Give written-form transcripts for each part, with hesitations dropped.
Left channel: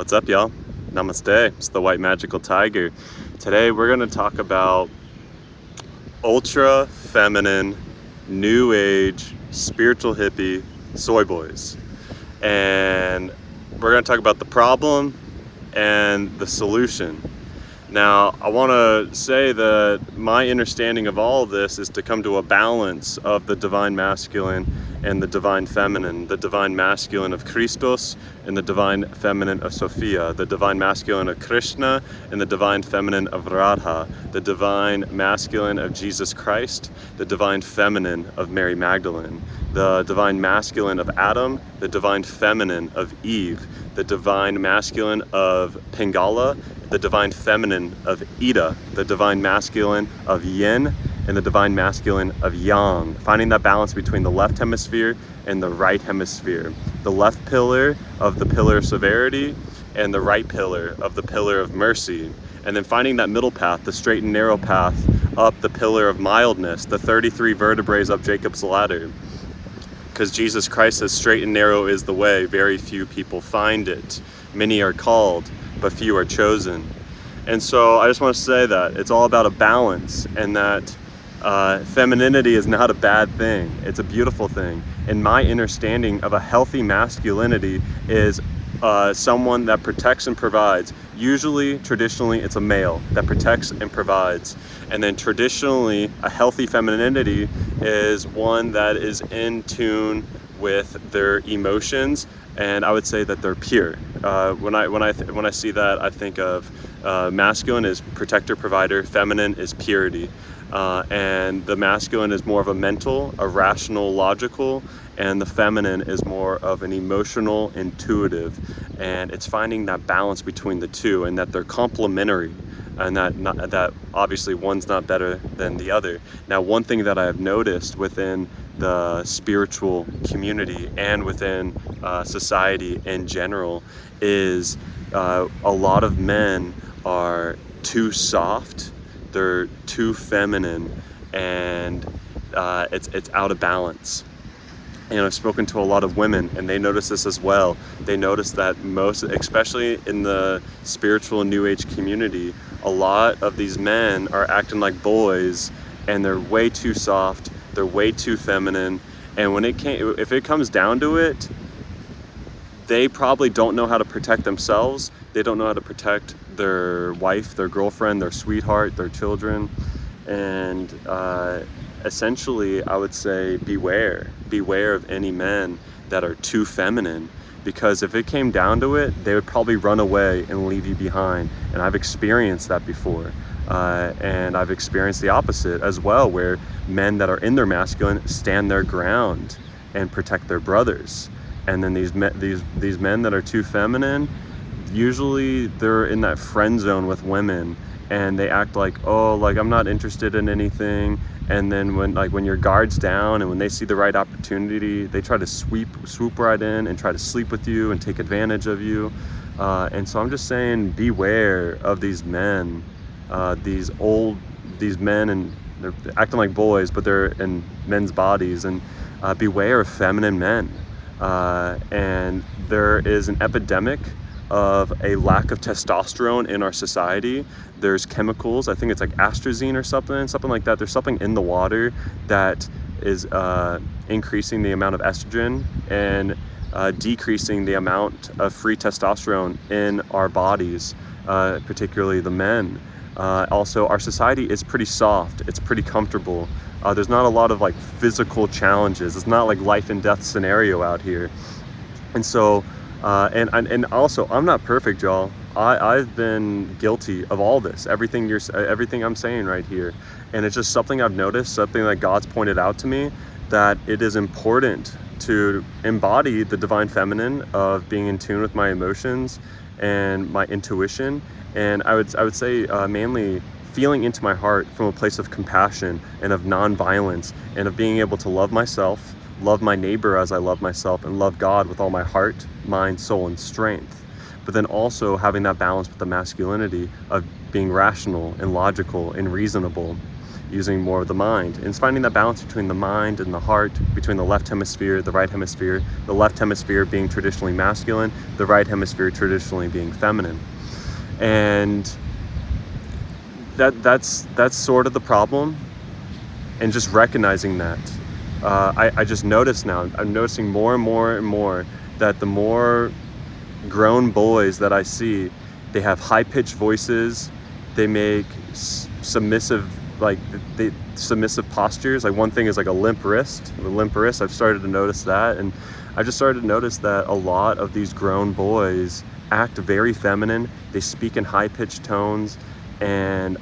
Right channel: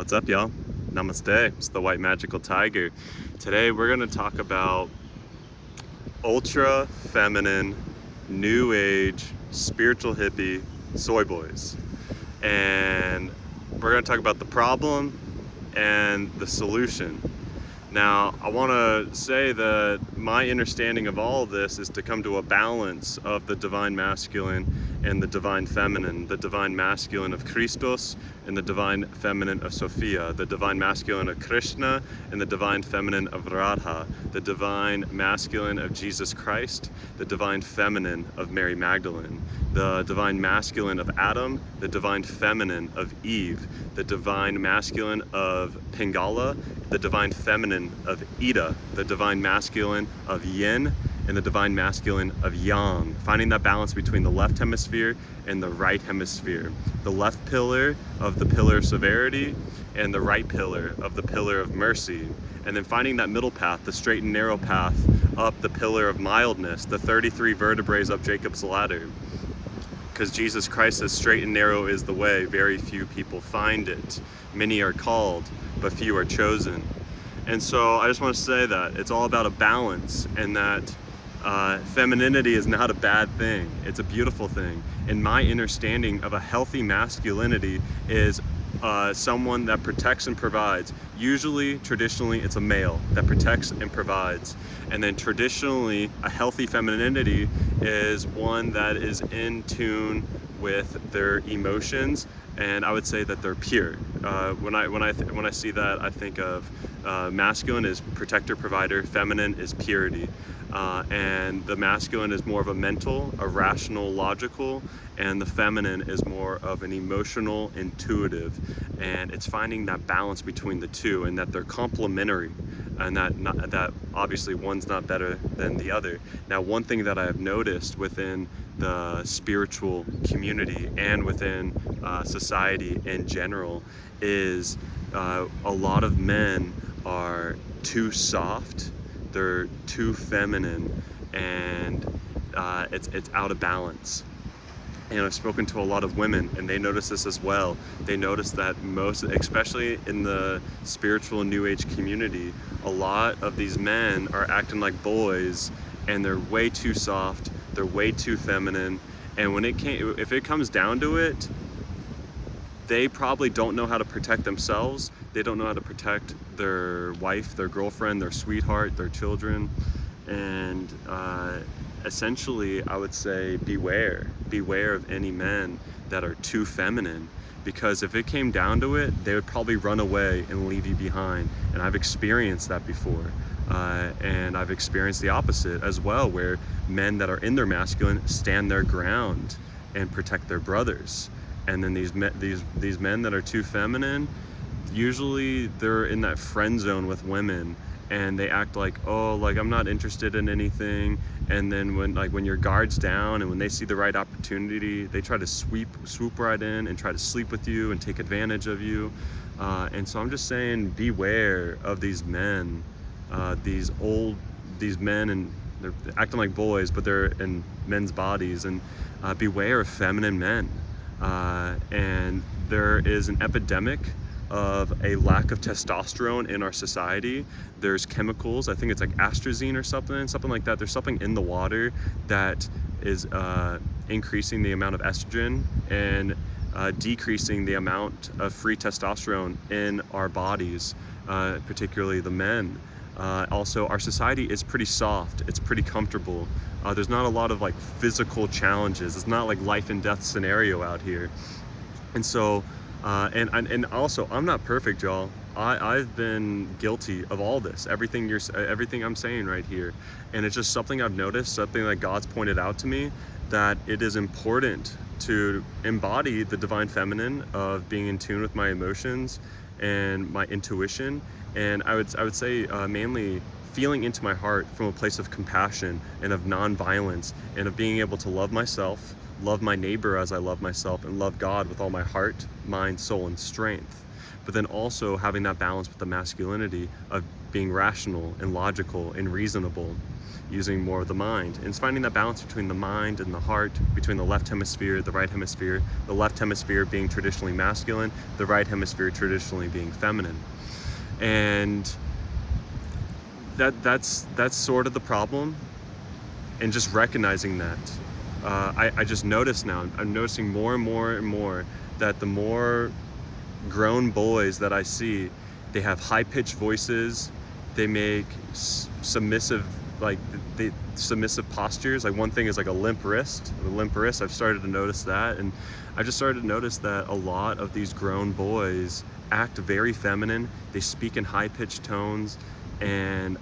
What's up, y'all? Namaste. It's the White Magical Tiger. Today we're going to talk about ultra feminine, new age, spiritual hippie soy boys. And we're going to talk about the problem and the solution. Now, I want to say that my understanding of all of this is to come to a balance of the divine masculine and the divine feminine, the divine masculine of Christos and the divine feminine of Sophia, the divine masculine of Krishna and the divine feminine of Radha, the divine masculine of Jesus Christ, the divine feminine of Mary Magdalene, the divine masculine of Adam, the divine feminine of Eve, the divine masculine of Pingala, the divine feminine of Ida, the divine masculine of Yin, and the divine masculine of Yang, finding that balance between the left hemisphere and the right hemisphere, the left pillar of the pillar of severity and the right pillar of the pillar of mercy, and then finding that middle path, the straight and narrow path up the pillar of mildness, the 33 vertebrae up Jacob's ladder. Because Jesus Christ says straight and narrow is the way, very few people find it. Many are called, but few are chosen. And so I just want to say that it's all about a balance, and that femininity is not a bad thing. It's a beautiful thing. And my understanding of a healthy masculinity is someone that protects and provides. Usually, traditionally, it's a male that protects and provides. And then traditionally, a healthy femininity is one that is in tune with their emotions, and I would say that they're pure. When I see that, I think of masculine is protector, provider, feminine is purity, and the masculine is more of a mental, a rational, logical, and the feminine is more of an emotional, intuitive. And it's finding that balance between the two, and that they're complementary, and that obviously one's not better than the other. Now, one thing that I have noticed within the spiritual community and within society in general is a lot of men are too soft, they're too feminine, and it's out of balance. And I've spoken to a lot of women, and they notice this as well. They notice that most, especially in the spiritual New Age community, a lot of these men are acting like boys, and they're way too soft, they're way too feminine. And if it comes down to it, they probably don't know how to protect themselves. They don't know how to protect their wife, their girlfriend, their sweetheart, their children. And essentially, I would say beware of any men that are too feminine, because if it came down to it, they would probably run away and leave you behind. And I've experienced that before. And I've experienced the opposite as well, where men that are in their masculine stand their ground and protect their brothers. And then these men that are too feminine, usually they're in that friend zone with women, and they act like, oh, like I'm not interested in anything. And then when your guard's down and when they see the right opportunity, they try to swoop right in and try to sleep with you and take advantage of you. And so I'm just saying, beware of these men, these men, and they're acting like boys, but they're in men's bodies. And beware of feminine men. And there is an epidemic of a lack of testosterone in our society. There's chemicals, I think it's like astrazine or something like that. There's something in the water that is increasing the amount of estrogen and decreasing the amount of free testosterone in our bodies, particularly the men. Also, our society is pretty soft, it's pretty comfortable. There's not a lot of like physical challenges. It's not like life and death scenario out here. And so, and also, I'm not perfect, y'all. I've been guilty of all this, everything I'm saying right here. And it's just something I've noticed, something that God's pointed out to me, that it is important to embody the divine feminine of being in tune with my emotions and my intuition. And I would say mainly feeling into my heart from a place of compassion and of non-violence, and of being able to love myself, love my neighbor as I love myself, and love God with all my heart, mind, soul, and strength. But then also having that balance with the masculinity of being rational and logical and reasonable. using more of the mind. And it's finding that balance between the mind and the heart, between the left hemisphere, the right hemisphere, the left hemisphere being traditionally masculine, the right hemisphere traditionally being feminine. And that's sort of the problem, and just recognizing that. I just notice now, I'm noticing more and more and more that the more grown boys that I see, they have high-pitched voices, they make submissive postures. Like one thing is like a limp wrist. I've started to notice that, and I just started to notice that a lot of these grown boys act very feminine. They speak in high-pitched tones, and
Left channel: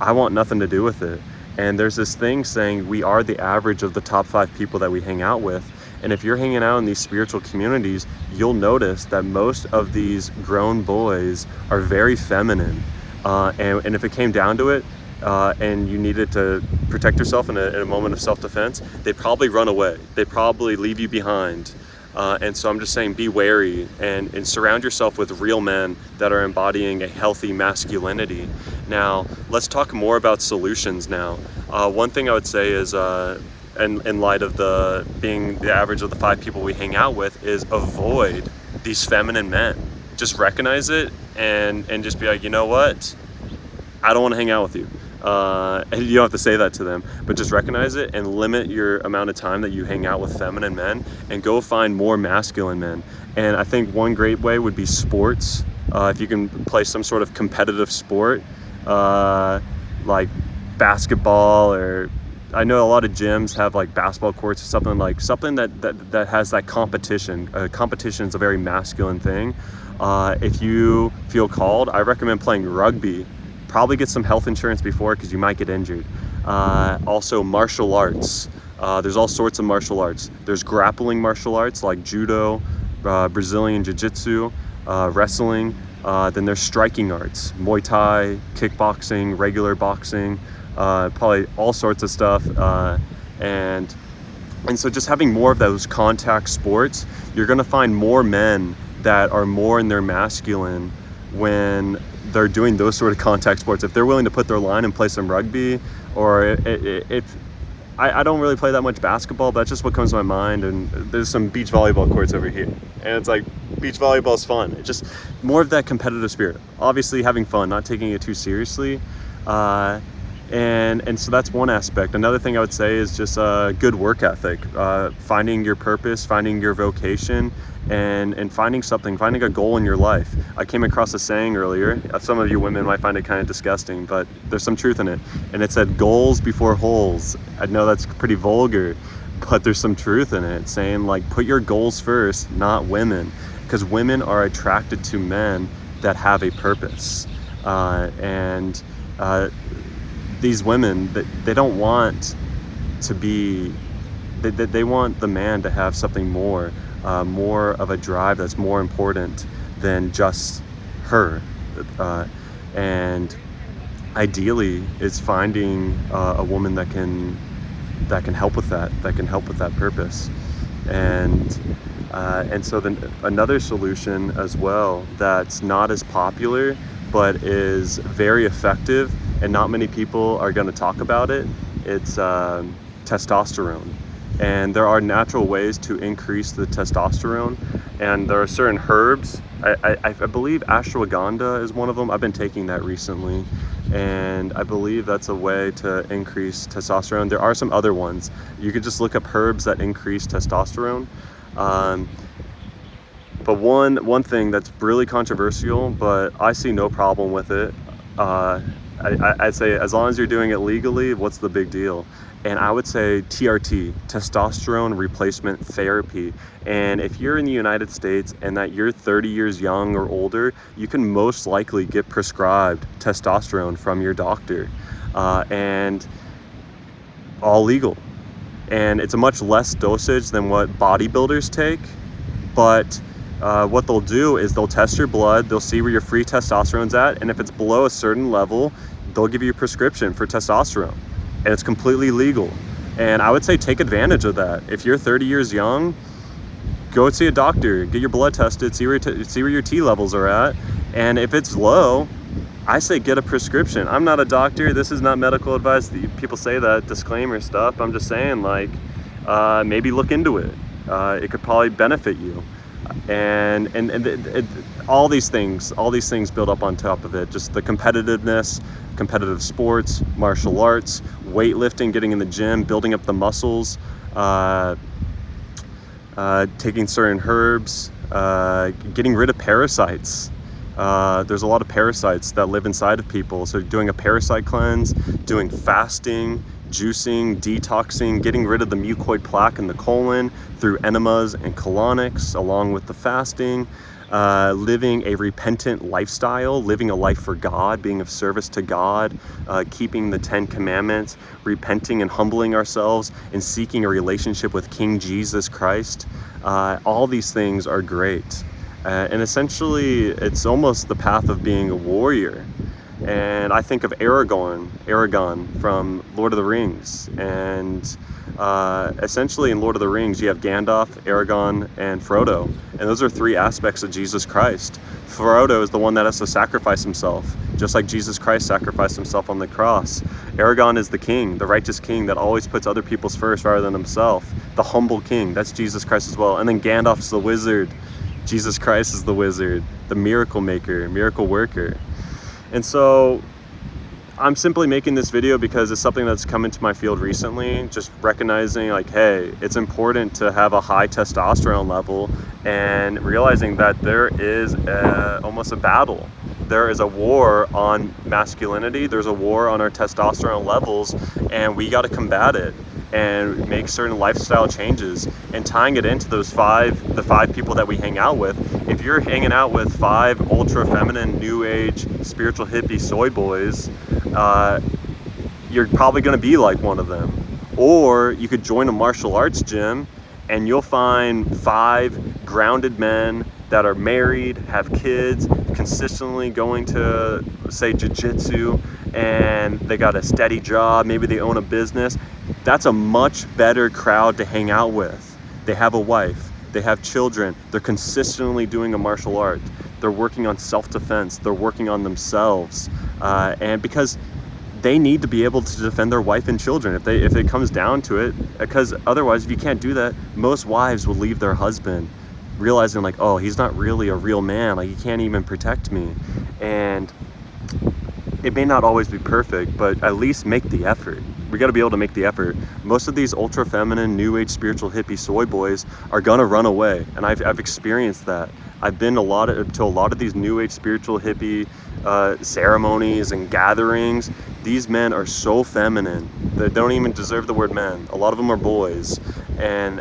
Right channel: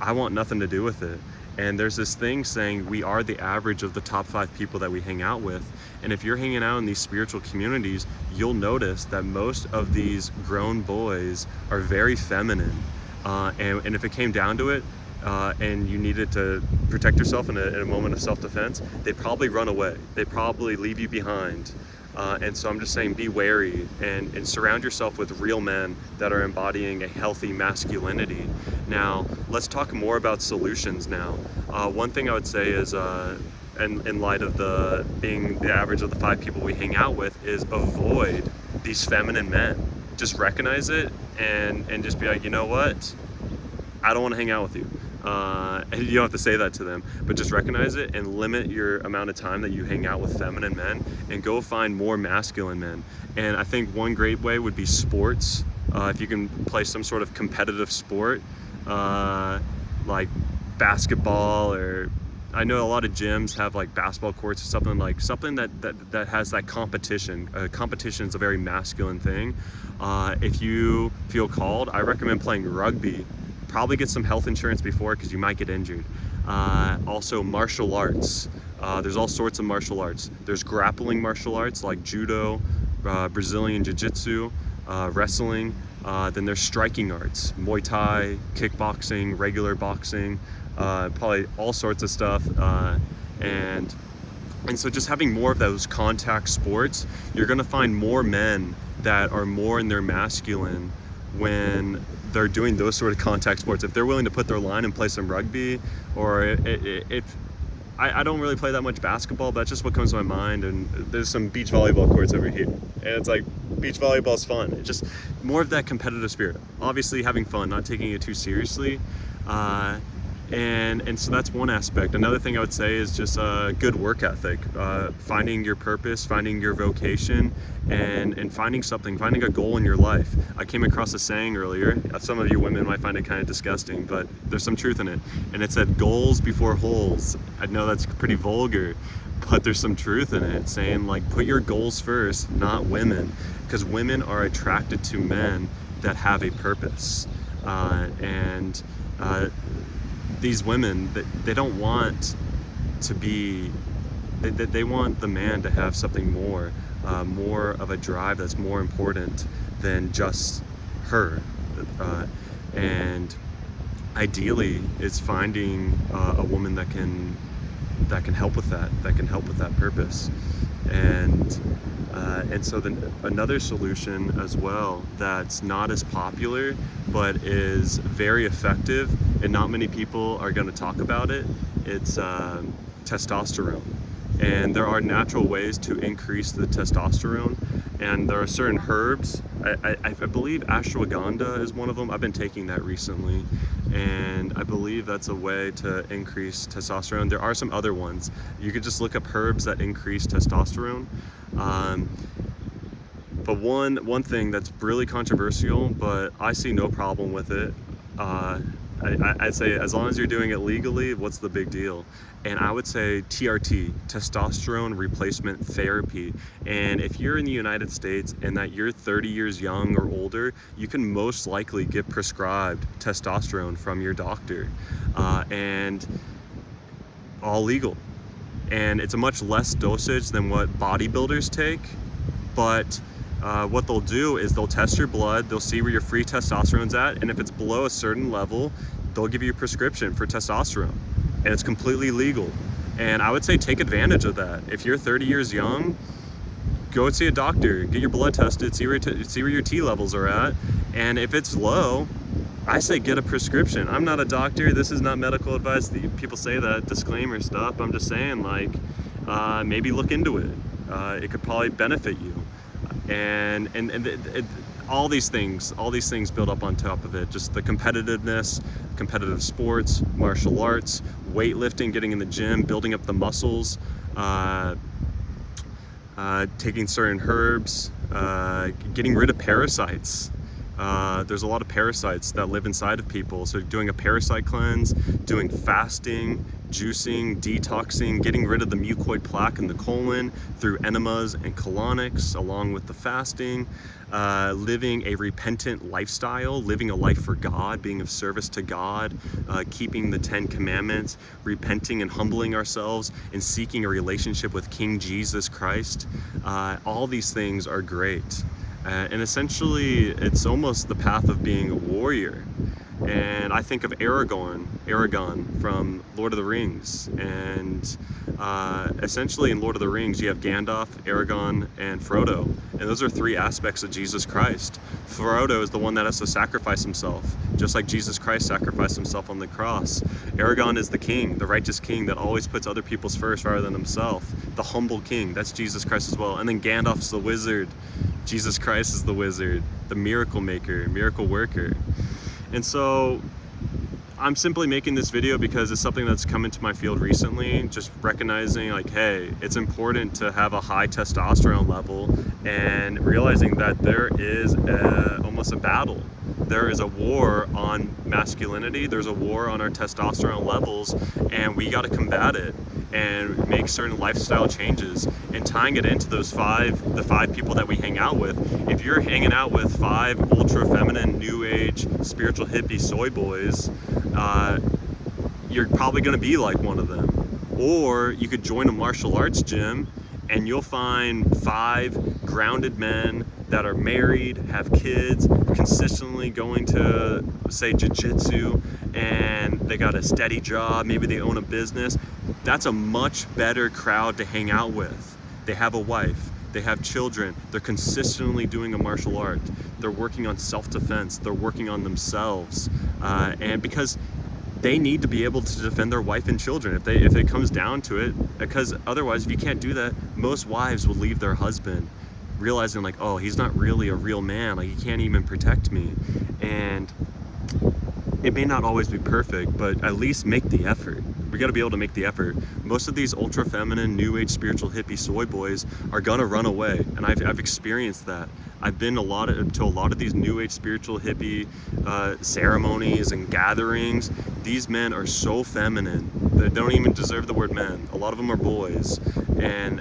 I want nothing to do with it. And there's this thing saying we are the average of the top 5 people that we hang out with. And if you're hanging out in these spiritual communities, you'll notice that most of these grown boys are very feminine. And if it came down to it, and you needed to protect yourself in a moment of self-defense, they'd probably run away. They'd probably leave you behind. And so I'm just saying, be wary and surround yourself with real men that are embodying a healthy masculinity. Now, let's talk more about solutions now. One thing I would say is, in light of being the average of the 5 people we hang out with, is avoid these feminine men. Just recognize it and just be like, you know what? I don't want to hang out with you. You don't have to say that to them, but just recognize it and limit your amount of time that you hang out with feminine men, and go find more masculine men. And I think one great way would be sports. If you can play some sort of competitive sport, like basketball, or I know a lot of gyms have like basketball courts or something that has that competition. Competition is a very masculine thing. If you feel called, I recommend playing rugby. Probably get some health insurance before, because you might get injured. Also martial arts. There's all sorts of martial arts. There's grappling martial arts like judo, Brazilian jiu-jitsu, wrestling. Then there's striking arts, Muay Thai, kickboxing, regular boxing, probably all sorts of stuff. And so just having more of those contact sports, you're gonna find more men that are more in their masculine when they're doing those sort of contact sports. If they're willing to put their line and play some rugby, or I don't really play that much basketball, but that's just what comes to my mind. And there's some beach volleyball courts over here, and it's like, beach volleyball is fun. It's just more of that competitive spirit. Obviously having fun, not taking it too seriously. And so that's one aspect. Another thing I would say is just a good work ethic, finding your purpose, finding your vocation, and finding a goal in your life. I came across a saying earlier. Some of you women might find it kind of disgusting, but there's some truth in it. And it said, goals before holes. I know that's pretty vulgar, but there's some truth in it, saying like, put your goals first, not women, because women are attracted to men that have a purpose. These women, they don't want to be, they want the man to have something more of a drive that's more important than just her. And ideally, it's finding a woman that can help with that purpose. And so then another solution as well that's not as popular but is very effective, and not many people are going to talk about it, it's testosterone. And there are natural ways to increase the testosterone, and there are certain herbs. I believe ashwagandha is one of them. I've been taking that recently, and I believe that's a way to increase testosterone. There are some other ones. You could just look up herbs that increase testosterone. But one thing that's really controversial, but I see no problem with it, I'd say as long as you're doing it legally, what's the big deal? And I would say TRT, testosterone replacement therapy. And if you're in the United States and that you're 30 years young or older, you can most likely get prescribed testosterone from your doctor, and all legal. And it's a much less dosage than what bodybuilders take, but what they'll do is they'll test your blood, they'll see where your free testosterone's at, and if it's below a certain level, they'll give you a prescription for testosterone, and it's completely legal. And I would say take advantage of that. If you're 30 years young, go see a doctor, get your blood tested, see where your T levels are at, and if it's low, I say get a prescription. I'm not a doctor. This is not medical advice. People say that disclaimer stuff. I'm just saying, like, maybe look into it. It could probably benefit you. And all these things build up on top of it. Just the competitiveness, competitive sports, martial arts, weightlifting, getting in the gym, building up the muscles, taking certain herbs, getting rid of parasites. There's a lot of parasites that live inside of people. So doing a parasite cleanse, doing fasting, juicing, detoxing, getting rid of the mucoid plaque in the colon through enemas and colonics, along with the fasting, living a repentant lifestyle, living a life for God, being of service to God, keeping the 10 Commandments, repenting and humbling ourselves, and seeking a relationship with King Jesus Christ. All these things are great. And essentially, it's almost the path of being a warrior. And I think of Aragorn from Lord of the Rings. And essentially in Lord of the Rings, you have Gandalf, Aragorn, and Frodo. And those are 3 aspects of Jesus Christ. Frodo is the one that has to sacrifice himself, just like Jesus Christ sacrificed himself on the cross. Aragorn is the king, the righteous king that always puts other people's first rather than himself. The humble king, that's Jesus Christ as well. And then Gandalf's the wizard. Jesus Christ is the wizard, the miracle maker, miracle worker. And so I'm simply making this video because it's something that's come into my field recently, just recognizing like, hey, it's important to have a high testosterone level and realizing that there is almost a battle. There is a war on masculinity, there's a war on our testosterone levels, and we got to combat it and make certain lifestyle changes. And tying it into the 5 people that we hang out with, if you're hanging out with 5 ultra feminine, new age, spiritual hippie soy boys, you're probably gonna be like one of them. Or you could join a martial arts gym and you'll find 5 grounded men that are married, have kids, consistently going to, say, jiu-jitsu, and they got a steady job, maybe they own a business. That's a much better crowd to hang out with. They have a wife, they have children, they're consistently doing a martial art, they're working on self-defense, they're working on themselves, and because they need to be able to defend their wife and children if it comes down to it, because otherwise, if you can't do that, most wives will leave their husband realizing like, oh, he's not really a real man, like he can't even protect me. And it may not always be perfect, but at least make the effort. We got to be able to make the effort. Most of these ultra feminine, new age, spiritual hippie soy boys are gonna run away, and I've experienced that. I've been to a lot of these new age, spiritual hippie ceremonies and gatherings. These men are so feminine they don't even deserve the word men. A lot of them are boys, and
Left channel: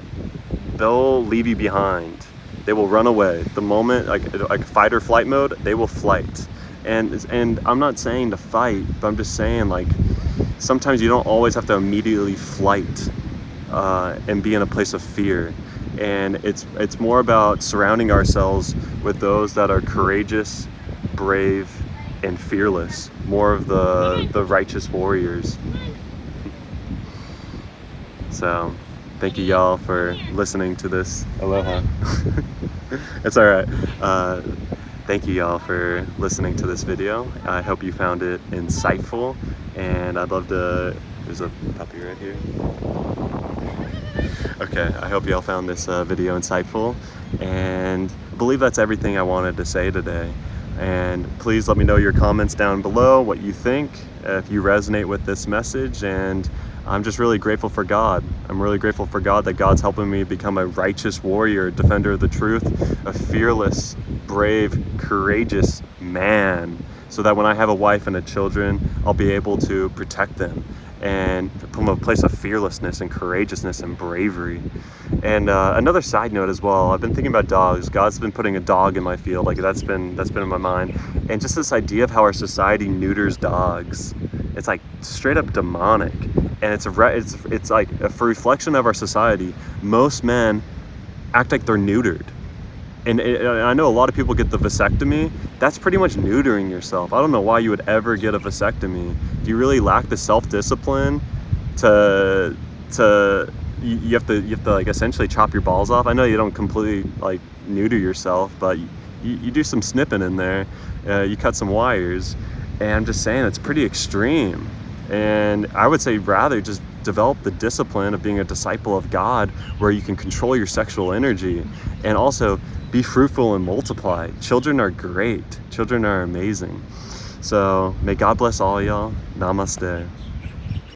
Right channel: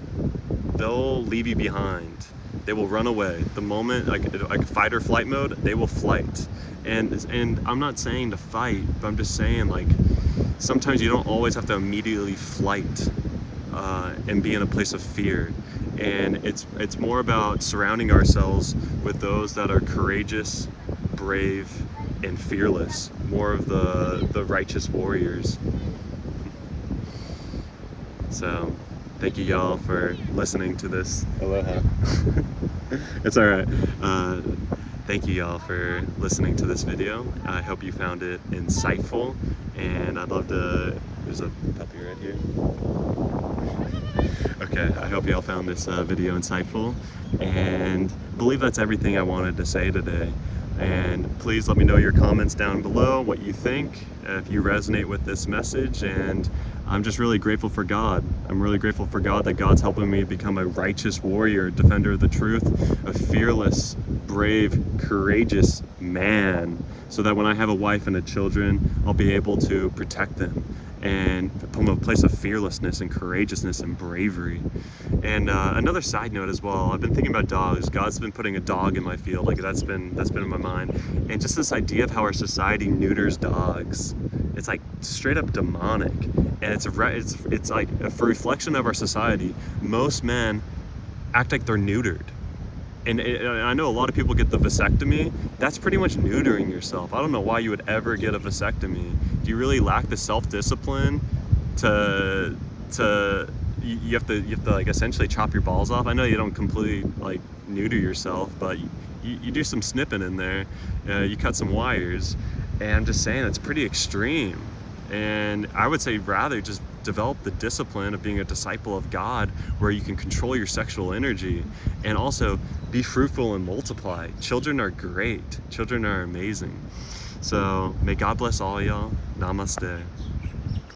they'll leave you behind. They will run away. The moment, like fight or flight mode, they will flight. And I'm not saying to fight, but I'm just saying, like, sometimes you don't always have to immediately flight and be in a place of fear. And it's more about surrounding ourselves with those that are courageous, brave, and fearless. More of the righteous warriors. So, thank you y'all for listening to this. Aloha. It's all right. Thank you y'all for listening to this video. I hope you found it insightful, and I'd love to, there's a puppy right here. Okay, I hope y'all found this video insightful, and I believe that's everything I wanted to say today. And please let me know your comments down below, what you think, if you resonate with this message. And I'm just really grateful for God. I'm really grateful for God that God's helping me become a righteous warrior, defender of the truth, a fearless, brave, courageous man, so that when I have a wife and children, I'll be able to protect them and from a place of fearlessness and courageousness and bravery. And another side note as well, I've been thinking about dogs. God's been putting a dog in my field, like that's been in my mind. And just this idea of how our society neuters dogs, it's like straight up demonic. And it's like a reflection of our society. Most men act like they're neutered. And I know a lot of people get the vasectomy. That's pretty much neutering yourself. I don't know why you would ever get a vasectomy. Do you really lack the self-discipline to you have to like essentially chop your balls off? I know you don't completely like neuter yourself, but you do some snipping in there. You cut some wires, And I'm just saying, it's pretty extreme. And I would say rather just develop the discipline of being a disciple of God, where you can control your sexual energy and also be fruitful and multiply. Children are great. Children are amazing. So may God bless all y'all. Namaste.